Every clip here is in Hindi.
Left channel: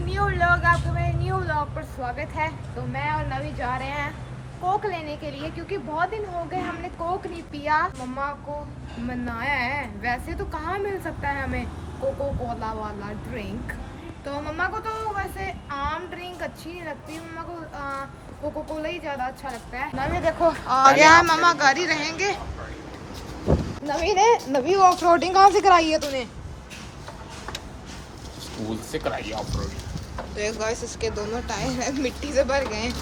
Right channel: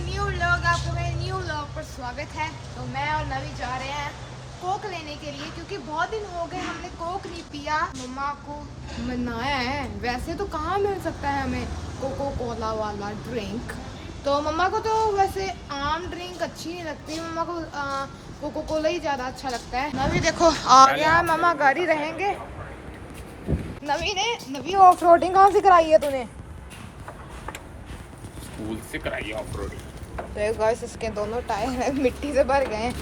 न्यू व्लॉग, आपका मेरे न्यू व्लॉग पर स्वागत है। तो मैं और नवी जा रहे हैं कोक लेने के लिए, क्योंकि बहुत दिन हो गए हमने कोक नहीं पिया। मम्मा को मनाया है, वैसे तो कहाँ मिल सकता है हमें कोको कोला वाला ड्रिंक। तो मम्मा को तो वैसे आम ड्रिंक अच्छी नहीं लगती, मम्मा को कोको कोला ही ज़्यादा अच्छा लगता है। नवी देखो आ गया है, मम्मा घर ही रहेंगे। नवी ऑफ रोडिंग कहाँ से कराई है तूने? स्कूल से कराई ऑफ रोडिंग। तो एक गाइस इसके दोनों टायर मिट्टी से भर गए हैं।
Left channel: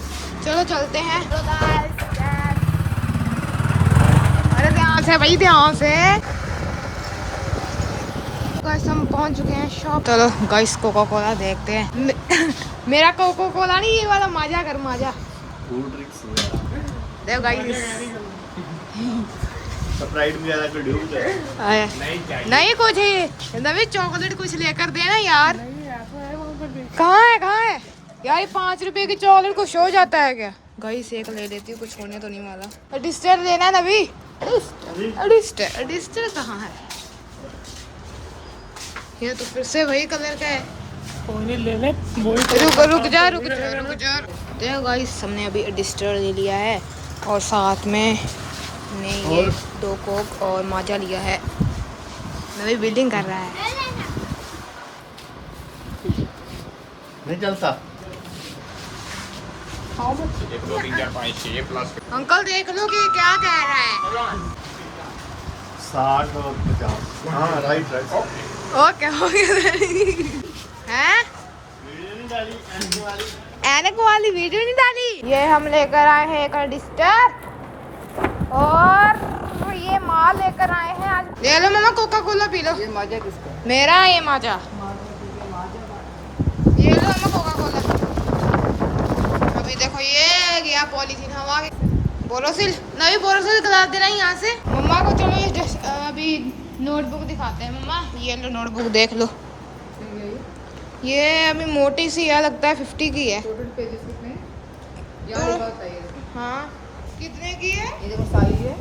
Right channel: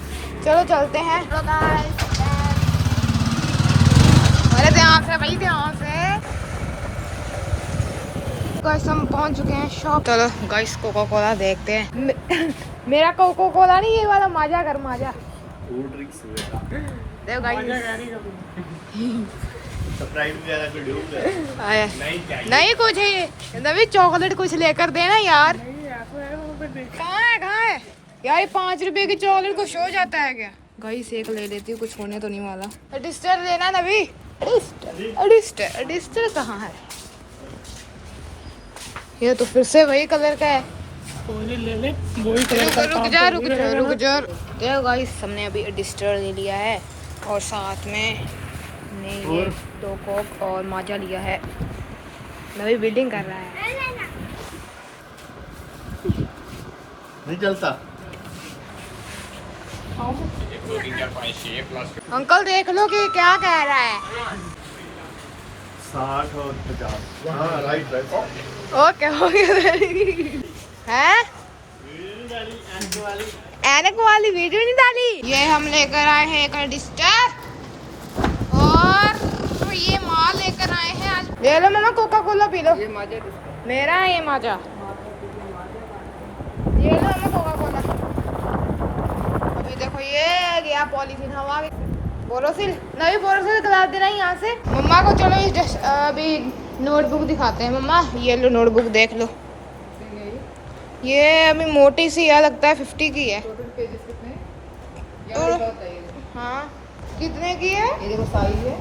चलो चलते हैं। अरे ध्यान से भाई, ध्यान से। गाइस हम पहुंच चुके हैं शॉप। चलो गाइस कोको कोला देखते हैं। मेरा कोको कोला नहीं, ये वाला माजा कर माजा। देखो गाइस नहीं कुछ नवी चॉकलेट कुछ लेकर देना यार। कहाँ है यार? ये 5 रुपए की चॉकलेट कुछ हो जाता है क्या? गाइस एक ले लेती हूँ, कुछ होने तो नहीं वाला। अडिस्टर देना नवी। अडिस्टर कहाँ है? ये तो फिर से वही कलर का है। ले ले रुक जा। देखो गाइस हमने अभी अडिस्टर ले लिया है और साथ में ये 2 कोक और माजा लिया है। नवी बिल्डिंग कर रहा है। नहीं चलता। अंकल देख लो कि क्या कह रहा है। 60 और 50। हाँ राइट। ओके हो गया है। एनक वाली वीडियो नहीं डाली। ये हम लेकर आए हैं एक अडिस्टर और ये माल लेकर आए हैं आज। ले लो मामा कोका कोला पी लो। ये माजा किसका? मेरा है ये माजा। ये लो मामा कोका कोला। अभी देखो ये गया पॉलीथीन हवा। बोरोसिल नवी बोरोसिल गिलास देना यहाँ से मम्मा को। चलो अभी नोटबुक दिखाते हैं मम्मा। ये लो नोटबुक देख लो। ये अभी मोटी सी है, लगता है 50 की है। टोटल पेजेस कितने हैं? तो हाँ कितने की है? ये देखो साइज है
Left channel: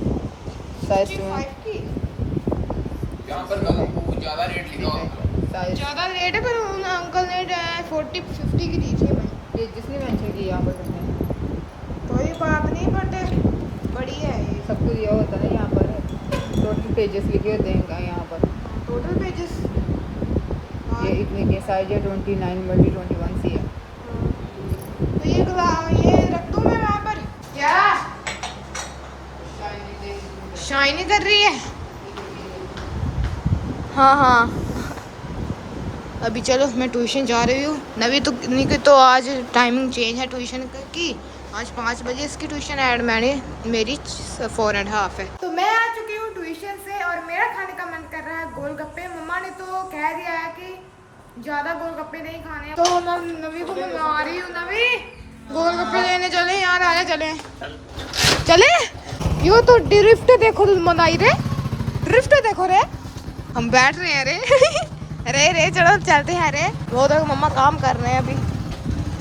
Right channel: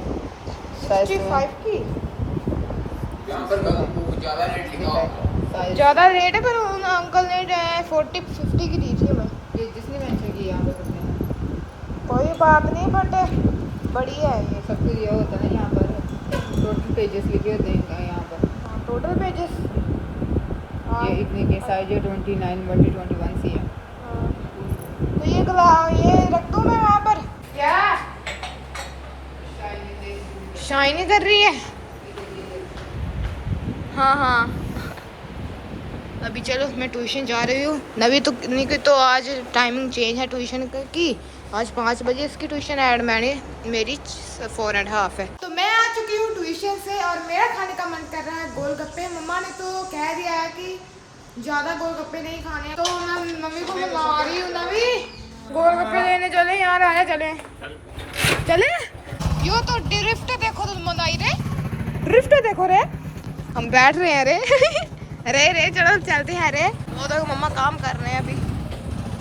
65 की। यहाँ पर ज़्यादा रेट लिखा होगा। ज़्यादा रेट है, पर उन अंकल ने 40-50 की दी थी भाई। ये जिसने मेंशन की यहाँ पर कितने हैं? कोई बात नहीं, बट बढ़िया है ये। सब कुछ ये होता है ना यहाँ पर टोटल पेजेस लिखे होते हैं यहाँ पर। टोटल पेजेस ये इतने के साइज है 29/21 सी है। तो ये रख दूँ मैं वहाँ पर? क्या शाइनी कर रही है? हाँ अभी चलो मैं ट्यूशन जा रही हूँ। नवी तो आज टाइमिंग चेंज है ट्यूशन की। आज 5 बजे इसकी ट्यूशन ऐड मेरी 4.5 है। तो मैं आ चुकी हूँ ट्यूशन से और मेरा खाने का मन कर रहा है गोलगप्पे। मम्मा ने तो कह दिया है कि ज़्यादा गोलगप्पे नहीं खाने हैं, तो मैं नवी को मंगवा रही हूँ। नवी गोलगप्पे लेने चले यार, आया चले। यो तो ड्रिफ्ट देखो तुम मनाई रे। ड्रिफ्ट देखो रे, हम बैठ रहे हैं रे। रे चलो चलते हैं रे। वो तो मम्मा काम कर रहे हैं अभी।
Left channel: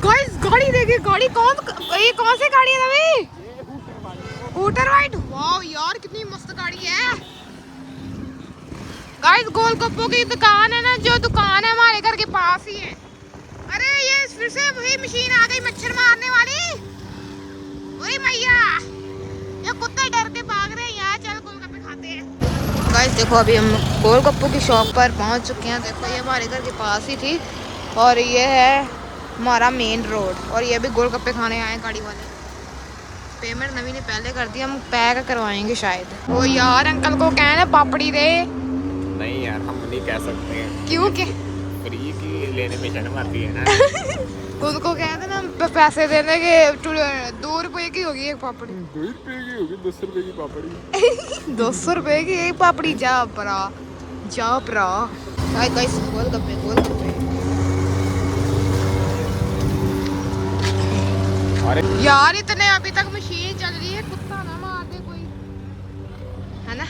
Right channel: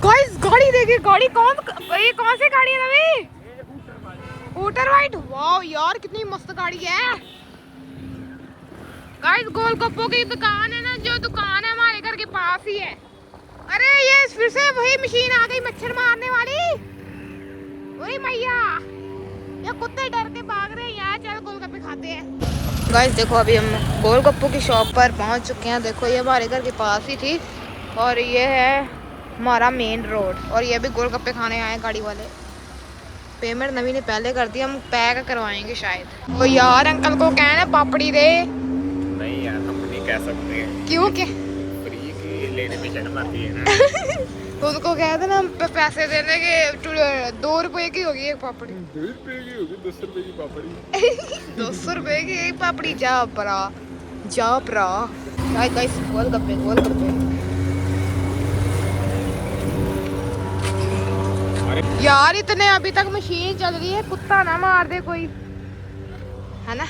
गाइस गाड़ी देखिए, गाड़ी ये कौन सी गाड़ी है नवी? ऊटर वाइट। वाओ यार कितनी मस्त गाड़ी है। गाइस गोलगप्पों की दुकान है ना, जो दुकान है हमारे घर के पास ही है। अरे ये फिर से वही मशीन आ गई मच्छर मारने वाली। वही मैया, ये कुत्ते डर के भाग रहे हैं यार। चल गोलगप्पे खाते हैं। गाइस देखो अभी हम गोलगप्पों की शॉप पर पहुंच चुके हैं। देखो ये हमारे घर के पास ही थी और ये है हमारा मेन रोड। और ये भी गोलगप्पे खाने आए गाड़ी वाले। पेमेंट नवी ने पहले कर दी, हम पैक करवाएंगे शायद। वो यार अंकल को कहना पापड़ी रे। नहीं यार हम नहीं कह सकते हैं। क्यों के? फ्री की लेने में शर्म आती है ना। तो उनको कह देना पैसे देने के। 2 रुपए की होगी एक पापड़ी। 2 रुपए की होगी, 10 रुपए की पापड़ी। 200 रुपए की एक पापड़ी। जा परा। गाइस गोलगप्पे। यार इतने अभी तक मशीन चल रही है, कुत्ता ना मार दे कोई, है ना?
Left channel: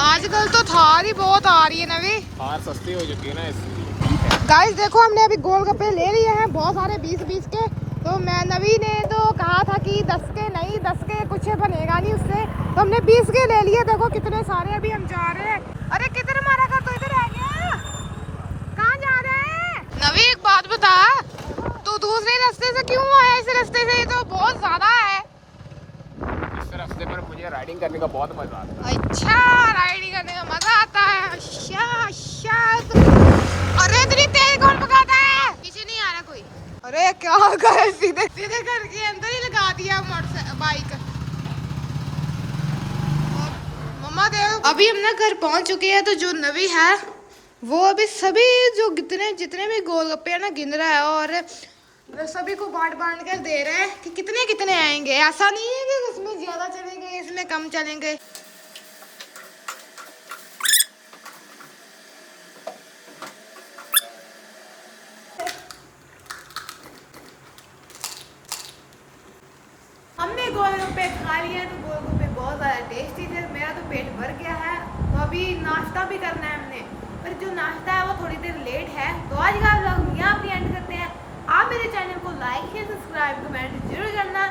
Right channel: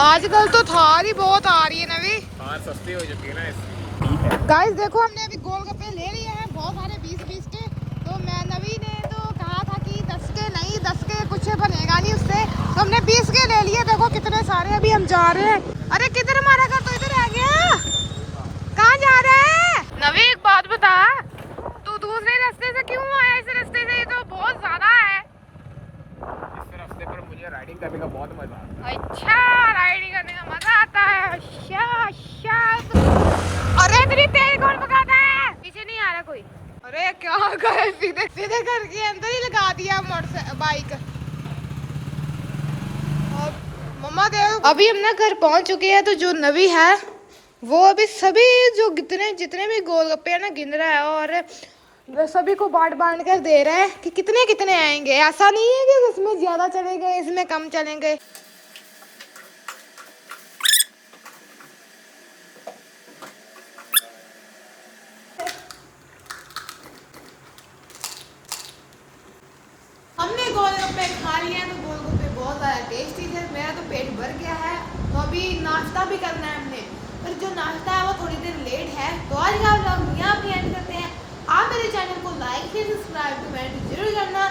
आजकल तो थार ही बहुत आ रही है नवी। हाँ सस्ती हो चुकी है ना इसकी। गाइस देखो हमने अभी गोलगप्पे ले लिए हैं, बहुत सारे 20-20 के। तो मैं नवी ने तो कहा था कि 10 के नहीं, 10 के कुछ बनेगा नहीं उससे, तो हमने 20 के ले लिए। देखो कितने सारे अभी हम जा रहे हैं। अरे किधर हमारा घर? तो इधर आ गया। कहाँ जा रहे हैं नवी? एक बात बता, बता, तू दूसरे रास्ते से क्यों आया इस रास्ते से? ये तो बहुत ज्यादा है। इस रास्ते पर मुझे राइडिंग करने का बहुत मजा आता है। अच्छा, राइडिंग करने का मजा आता है। अच्छा अच्छा। अरे इतनी तेज कौन भगाता है? पीछे नहीं आ रहा कोई? अरे क्या कर, सीधे सीधे करके अंदर ही लगा दिया मोटर बाइक। मम्मा दे। अभी हम ना घर पहुंच चुके हैं। तो जो नवी है वो अभी सभी जो जितने भी गोलगप्पे है ना गिन रहा है और सभी को बांट कर दे रहा है कि कितने कितने आएंगे। ऐसा नहीं है कि इसमें ज्यादा चलेंगे इसमें कम चलेंगे। हमने गोलगप्पे खा लिए हैं। तो गोलगप्पे बहुत ज़्यादा टेस्टी थे। मेरा तो पेट भर गया है। तो अभी नाश्ता भी करना है हमने, पर जो नाश्ता है वो थोड़ी देर लेट है। तो आज का व्लॉग यहाँ पे एंड करते हैं। आप मेरे चैनल को लाइक शेयर सब्सक्राइब कमेंट जरूर करना।